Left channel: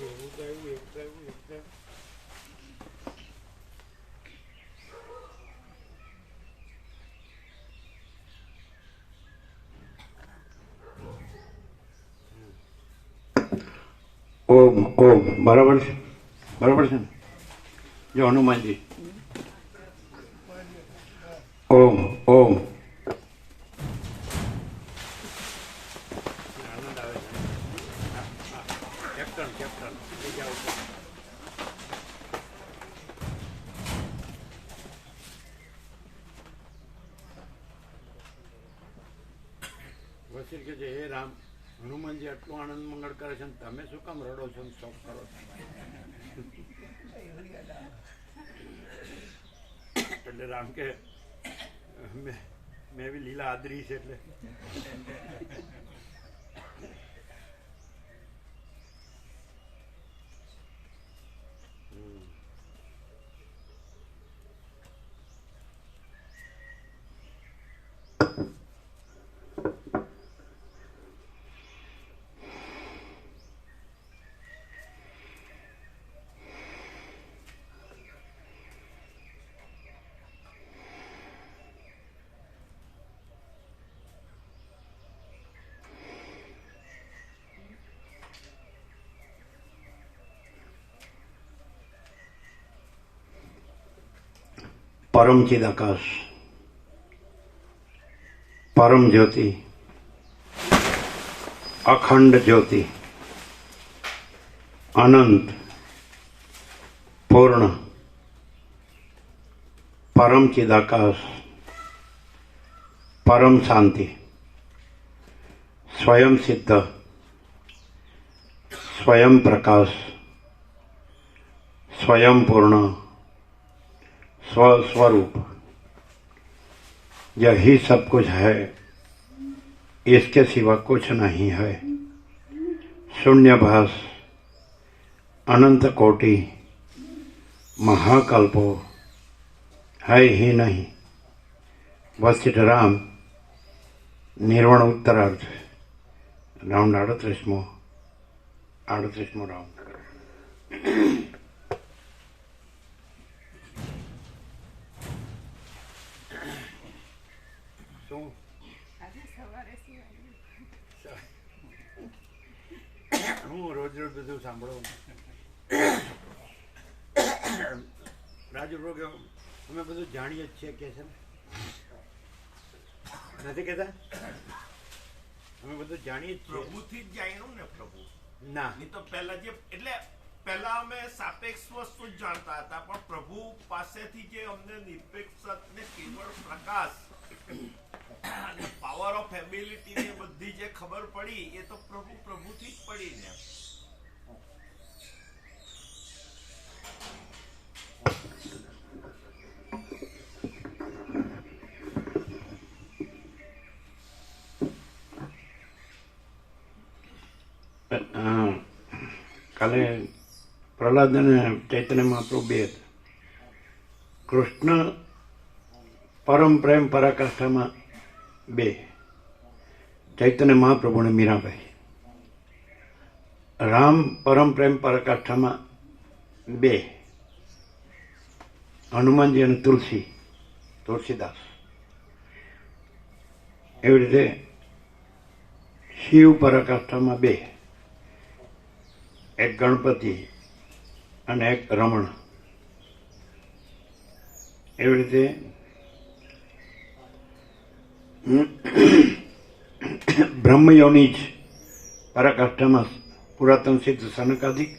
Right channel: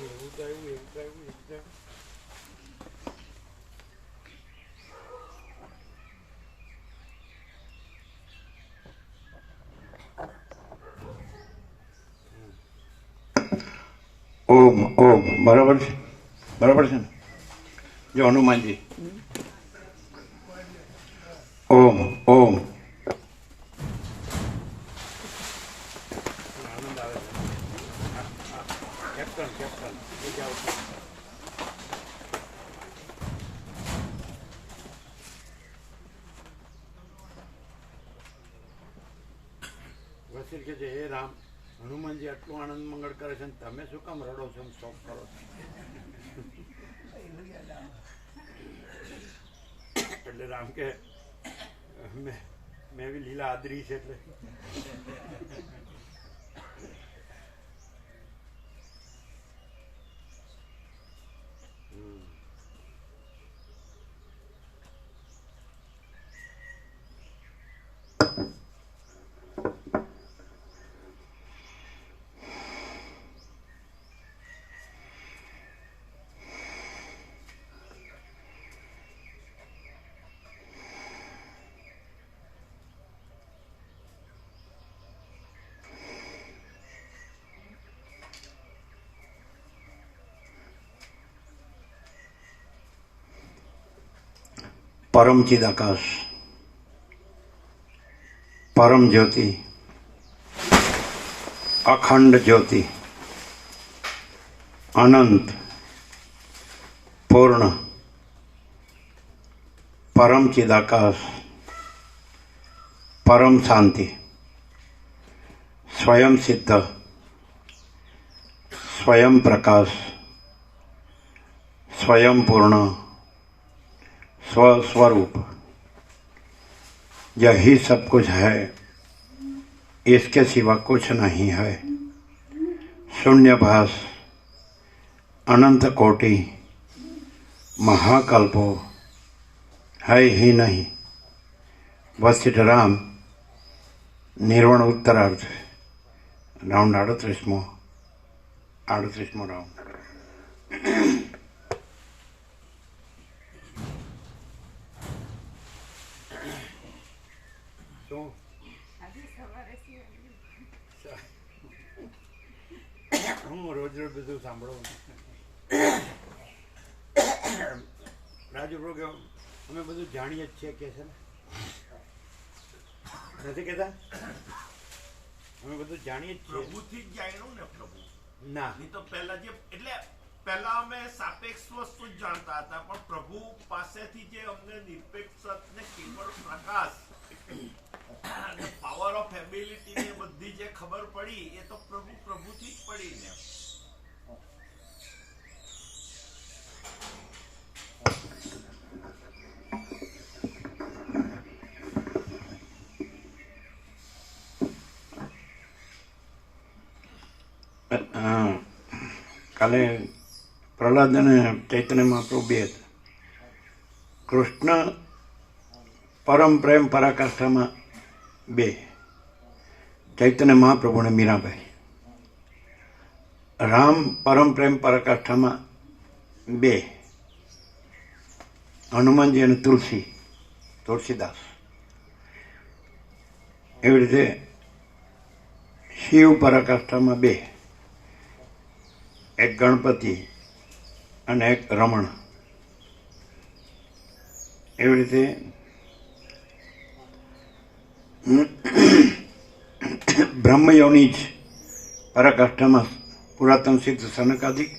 એવું તો એવું એવું તો એવું એવું તો. ઓમ ઓમ બરાબર છે બરાબર છે ને જો, હનુમાનજી ઓમ ઓમ આનંદ આવે છે. કેપ્ટન કેપ્ટન બીજા ઉપર વસીલ કે છે હે રામ હનુમાનજી આટલું આનંદ મંગળ કરે છે ને તમે શું કામ રડો છો ને શોક કરો છો એટલે રામ કે મેં મેં બી લીલા આદરી છે એટલે પરમ ચિદ આકાશ પરમ જ્યોતિ અખંડ જ્યોતિ અનંત પૂર્ણ પરમ ચિદ આકાશ પરમ શાંતિ સ્વયં સિદ્ધ સ્વયં પ્રકાશ સ્વયં स्वस्वरूप यही सब कुछ है। इसके सिवा कुछ नहीं है। शून्यभास अनंत कोटि, महाकल्पो, है ही नहीं। वशिष्ठ राम, निर्वण उत्तरार्थ राउंड अड़तीसमो अड़तीसमो राउंड શું? હું રોજ રોજ બધું સાંભળું. રાજુ બro કે અમે બધું જાણીએ જ છીએ કે છે ને. નથી કહેતા? અમે બધું જાણીએ જ છીએ. પ્રભુથી જ જાણ્યું ને પ્રભુ? ના. નહીં તો પહેલા જે એટલે પહેલા અમે સાપેક્ષ વસ્તુ જ જાણતા હતા પણ પ્રભુ પાસેથી જે અમને નિરપેક્ષ ને કેવળ પ્રકાશ એબિલિટી ને બધી જે ખબર પડી, એ તો પ્રભુ પ્રભુથી જ પડી ને કાલે પ્રહલાદ અને ચૈતન્ય મહાપ્રભુ બે હતા. કૃષ્ણ પરમ પ્રેમ પરાકાષ્ઠામાં બે ચૈતન્ય મહાપ્રભુને મીરાબાઈ. રામ પરમ પ્રેમ પરકાષ્ઠામાં બે. હનુમાનજી અને તુલસી, તુલસીદાસ. એવી રીતે શિવ પરાકાષ્ઠામાં બે, એક ગણપતિ અને એક રમણ. એવી રીતે બ્રહ્મયોની જ પરાકાષ્ઠામાં પુરાતન સિદ્ધ સનકાદિક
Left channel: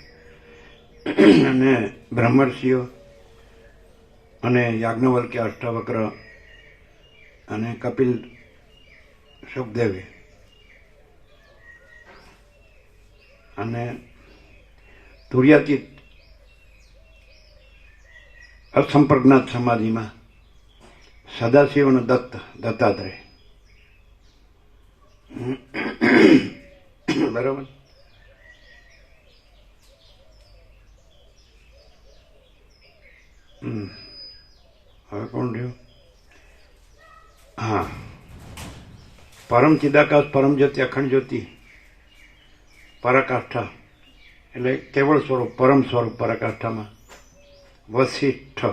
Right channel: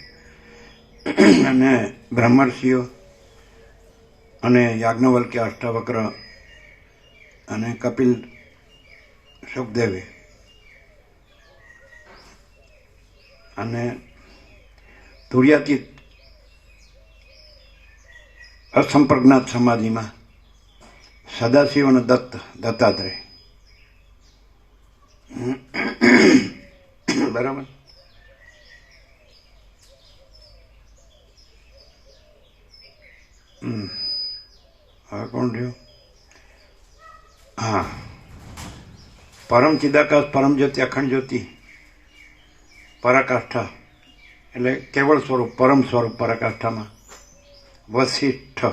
અને બ્રહ્મર્ષિઓ અને યાજ્ઞવલ્ક્ય અષ્ટાવક્ર અને કપિલ સુખદેવે. અને તુર્યાતીત અસંપ્રજ્ઞાત સમાધિમાં સદાશિવ અને દત્ત દત્તાત્રેય. બરાબર. હવે કોણ રહ્યું? હા. પરમ ચિદાકાશ, પરમ જ્યોતિ, અખંડ જ્યોતિ. પરાકાષ્ઠા. એટલે કેવળ સ્વરૂપ, પરમ સ્વરૂપ પરાકાષ્ઠામાં. વસિષ્ઠ.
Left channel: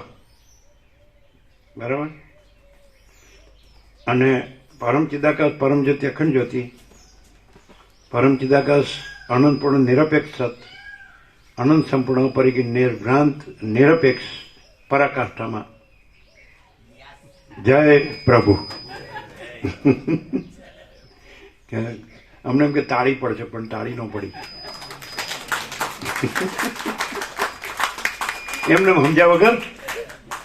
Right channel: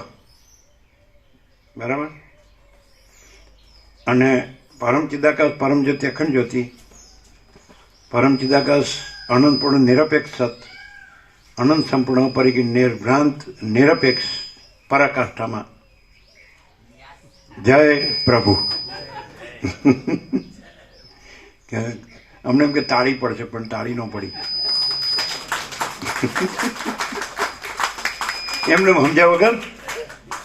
બરાબર? અને પરમ ચિદાકાશ પરમ જ્યોતિ અખંડ જ્યોતિ પરમ ચિદાકાશ અનંતપૂર્ણ નિરપેક્ષ સત અનંત સંપૂર્ણ પરિગી નિર્ભ્રાંત નિરપેક્ષ પરાકાષ્ઠામાં જય પ્રભુ કે અમને એમ કે તાળી પડશે પણ તાળી ન પડી એમને સમજ્યા વગર